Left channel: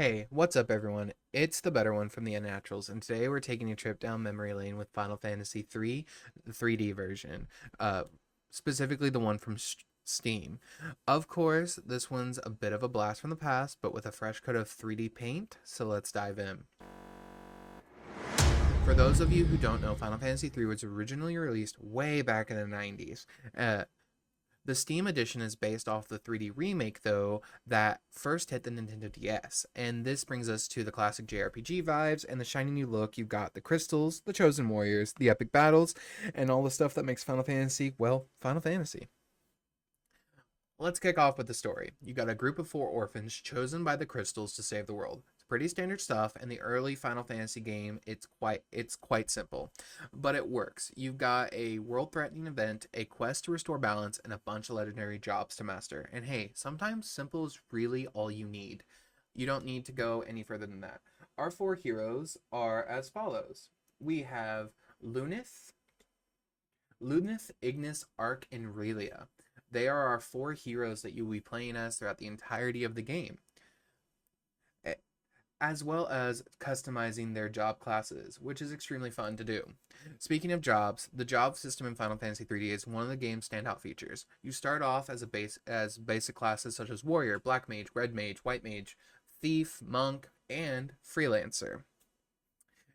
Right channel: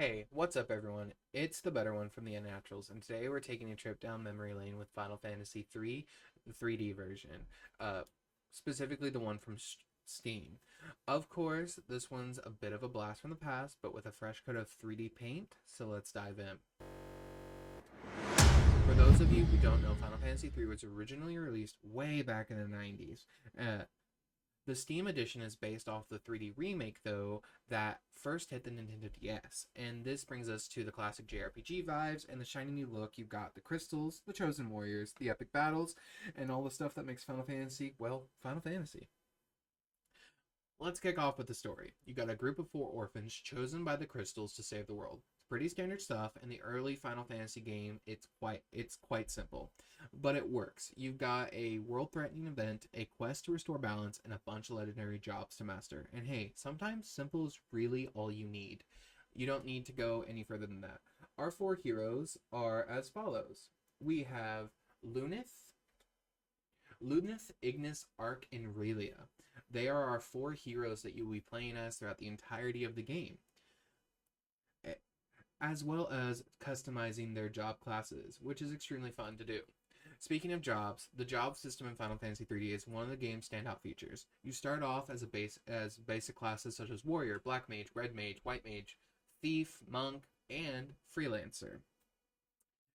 Hey, what's up everyone? It's the better one from the Unnaturals, and today we're taking a trip down memory lane with Final Fantasy III, the 3D version, uh, specifically the one from Steam. Of course, this one's a bit of a blast from the past, but with a fresh coat of 3D paint, so let's dive in. For those of you who don't know, Final Fantasy III was originally released way back in the 90s. The Steam edition is based off the 3D remake, though, that first hit the Nintendo DS. And this brings us to the classic JRPG vibes and the shiny new look. You've got the crystals, the chosen warriors, the epic battles, and all the stuff that makes Final Fantasy, well, Final Fantasy. Let's kick off with the story. You got a group of four orphans chosen by the crystals to save the world. It's pretty standard stuff. In the early Final Fantasy game, it's quite simple, but it works. You've got a world-threatening event, a quest to restore balance, and a bunch of legendary jobs to master. And hey, sometimes simple is really all you need. You don't need to go any further than that. Our four heroes are as follows. We have Lunith, Ignis, Arc, and Relia. They are our four heroes that you will be playing as throughout the entirety of the game, as well as customizing their job classes, which is extremely fun to do. Speaking of jobs, the job system in Final Fantasy 3D is one of the game's standout features. You start off as basic classes such as warrior, black mage, red mage, white mage, thief, monk, and freelancer,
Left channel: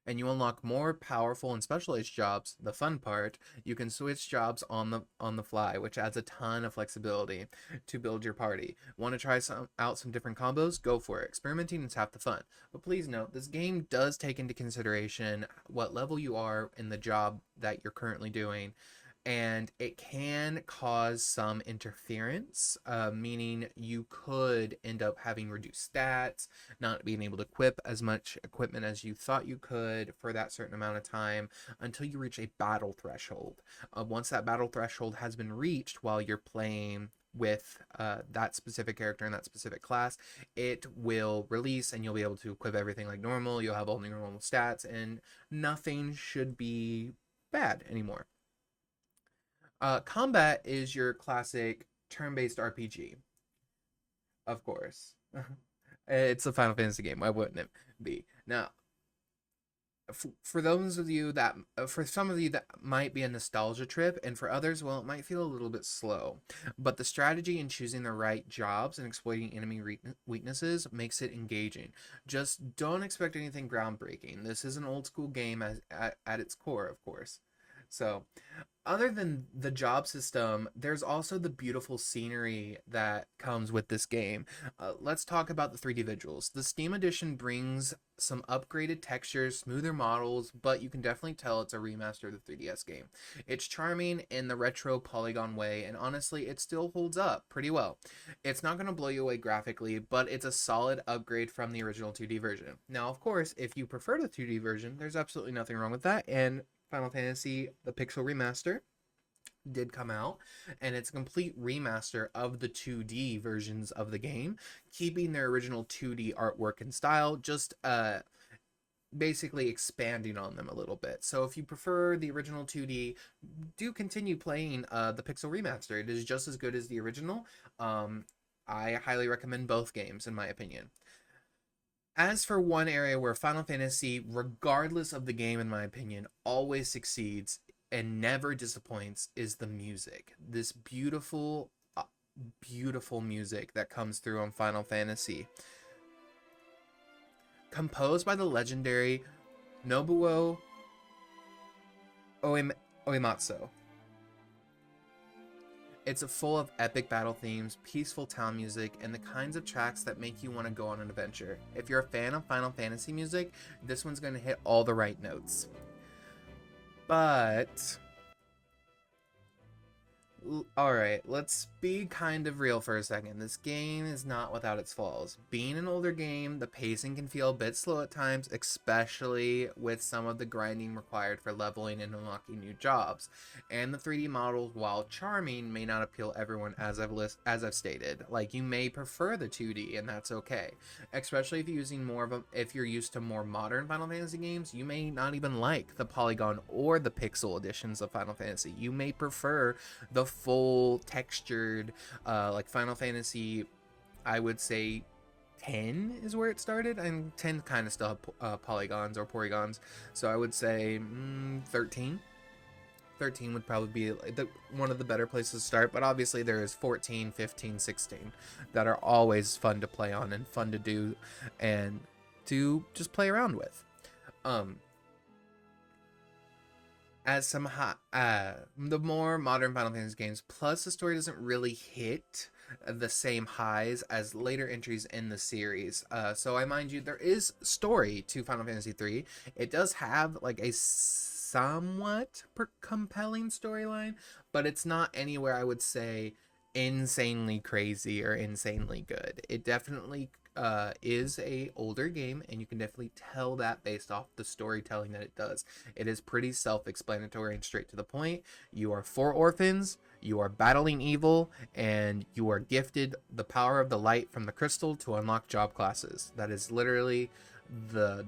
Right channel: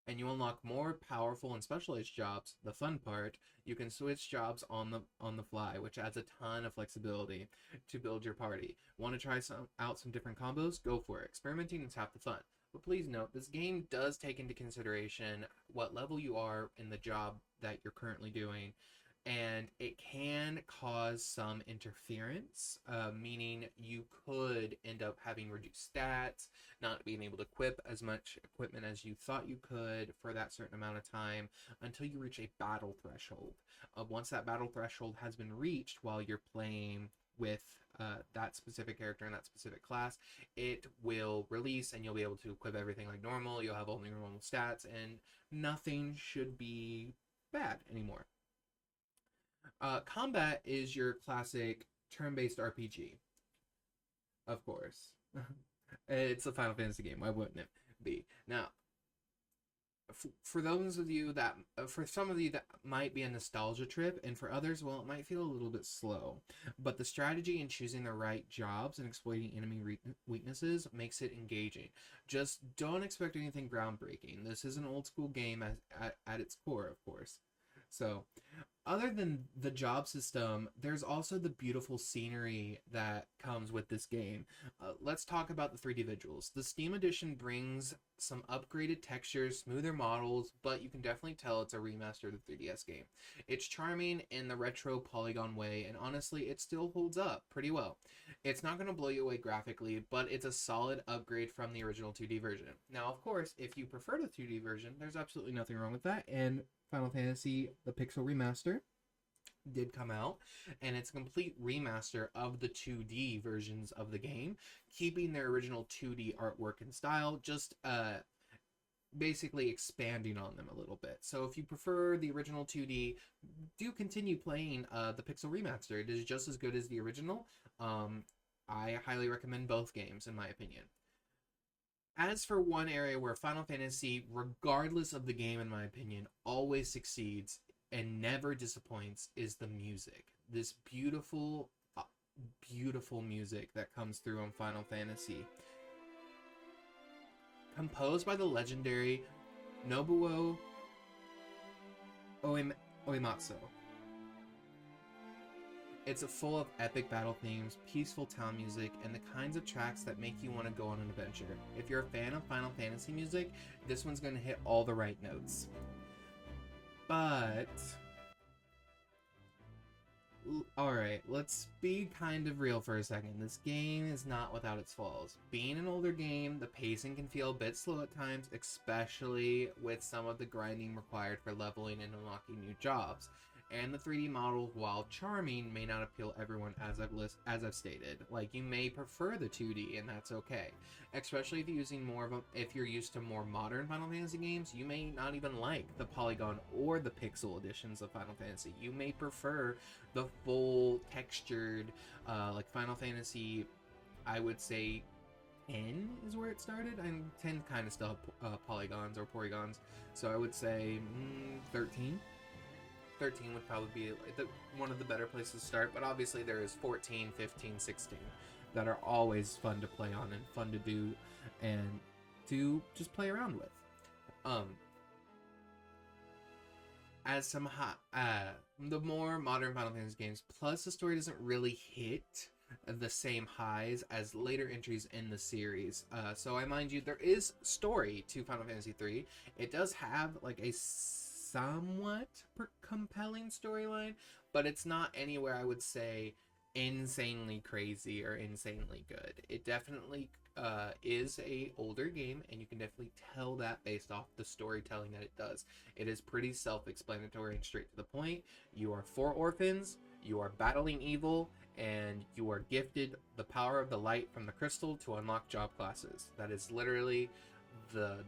and you unlock more powerful and specialized jobs. The fun part, you can switch jobs on the fly, which adds a ton of flexibility to build your party. Want to try out some different combos? Go for it. Experimenting is half the fun. But please note, this game does take into consideration what level you are in the job that you're currently doing, and it can cause some interference, meaning you could end up having reduced stats, not being able to equip as much equipment as you thought you could for that certain amount of time until you reach a battle threshold. Once that battle threshold has been reached while you're playing with that specific character and that specific class, it will release and you'll be able to equip everything like normal. You'll have all your normal stats and nothing should be bad anymore. Combat is your classic turn-based RPG, of course. It's a Final Fantasy game. Why wouldn't it be? Now, for those of you that, for some of you that might be a nostalgia trip, and for others, well, it might feel a little bit slow. But the strategy in choosing the right jobs and exploiting enemy weaknesses makes it engaging. Just don't expect anything groundbreaking. This is an old school game at its core, of course. So, other than the job system, there's also the beautiful scenery that comes with this game. Let's talk about the 3D visuals. The Steam Edition brings some upgraded textures, smoother models, but you can definitely tell it's a remaster of the 3DS game. It's charming in the retro polygon way, and honestly, it still holds up pretty well. It's not going to blow you away graphically, but it's a solid upgrade from the original 2D version. Now, of course, if you prefer the 2D version, there's absolutely nothing wrong with that, and Final Fantasy the Pixel Remaster did come out, and it's a complete remaster of the 2D versions of the game, keeping their original 2D artwork and style, just basically expanding on them a little bit. So if you prefer the original 2D, do continue playing the Pixel Remaster. It is just as good as the original. I highly recommend both games, in my opinion. As for one area where Final Fantasy, regardless of the game, in my opinion, always succeeds and never disappoints, is the music. This beautiful, beautiful music that comes through on Final Fantasy. Composed by the legendary Nobuo Uematsu. It's full of epic battle themes, peaceful town music, and the kinds of tracks that make you want to go on an adventure. If you're a fan of Final Fantasy music, this one's going to hit all the right notes. But alright, let's be kind of real for a second. This game is not without its flaws. Being an older game, the pacing can feel a bit slow at times, especially with some of the grinding required for leveling and unlocking new jobs. And the 3D models, while charming, may not appeal to everyone, as I've stated. Like, you may prefer the 2D, and that's okay. Especially if if you're used to more modern Final Fantasy games, you may not even like the polygon or the pixel editions of Final Fantasy. You may prefer the full textured, like Final Fantasy, I would say 10 is where it started, and 10 kind of still have polygons or polygons. So I would say 13. 13 would probably be one of the better places to start, but obviously there is 14, 15, 16 that are always fun to play on and fun to do and to just play around with. As some the more modern Final Fantasy games, plus the story doesn't really hit the same highs as later entries in the series. So I mind you, there is story to Final Fantasy 3. It does have like a somewhat compelling storyline, but it's not anywhere I would say insanely crazy or insanely good. It definitely is a older game, and you can definitely tell that based off the storytelling that it does. It is pretty self-explanatory and straight to the point. You are 4 orphans, you are battling evil, and you are gifted the power of the light from the crystal to unlock job classes. That is literally the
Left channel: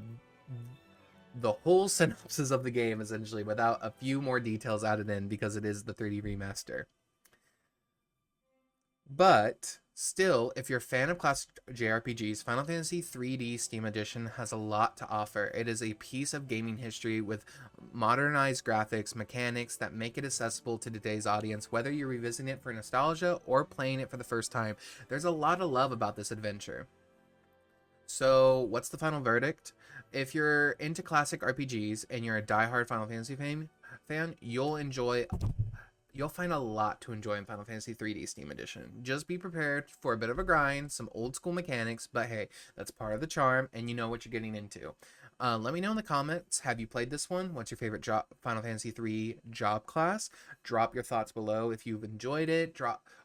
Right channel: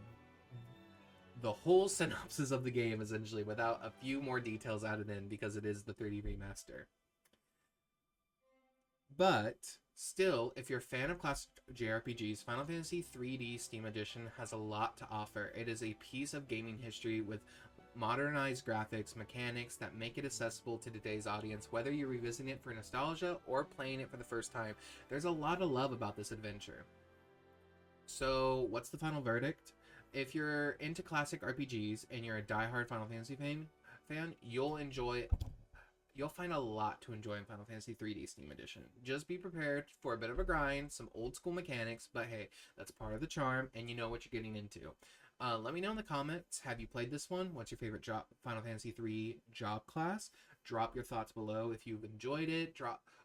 whole synopsis of the game, essentially, without a few more details added in, because it is the 3D remaster. But still, if you're a fan of classic JRPGs, Final Fantasy 3D Steam Edition has a lot to offer. It is a piece of gaming history with modernized graphics, mechanics that make it accessible to today's audience, whether you're revisiting it for nostalgia or playing it for the first time. There's a lot of love about this adventure. So, what's the final verdict? If you're into classic RPGs and you're a diehard Final Fantasy fan, you'll find a lot to enjoy in Final Fantasy 3D Steam Edition. Just be prepared for a bit of a grind, some old school mechanics, but hey, that's part of the charm, and you know what you're getting into. Let me know in the comments, have you played this one? What's your favorite Final Fantasy 3 job class? Drop your thoughts below if you've enjoyed it,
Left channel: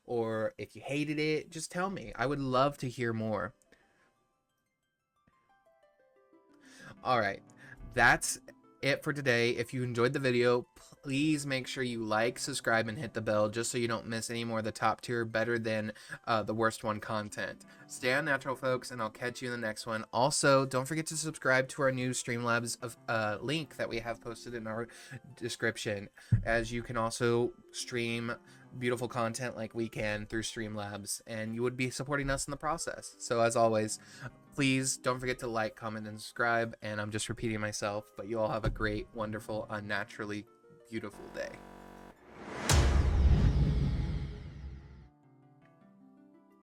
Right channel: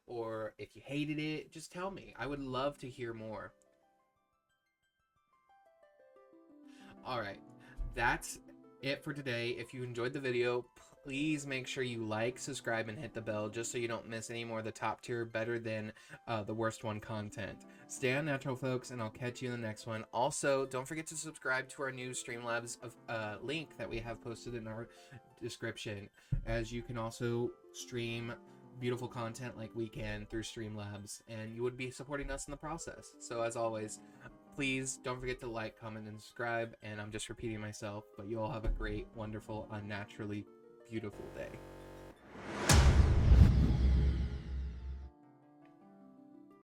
or if you hated it, just tell me. I would love to hear more. Alright, that's it for today. If you enjoyed the video, please make sure you like, subscribe, and hit the bell just so you don't miss any more of the top tier, better than the worst one content. Stay unnatural, folks, and I'll catch you in the next one. Also, don't forget to subscribe to our new Streamlabs link that we have posted in our description, as you can also stream beautiful content like we can through Streamlabs, and you would be supporting us in the process. So as always, please don't forget to like, comment, and subscribe, and I'm just repeating myself, but you all have a great, wonderful, unnaturally beautiful day.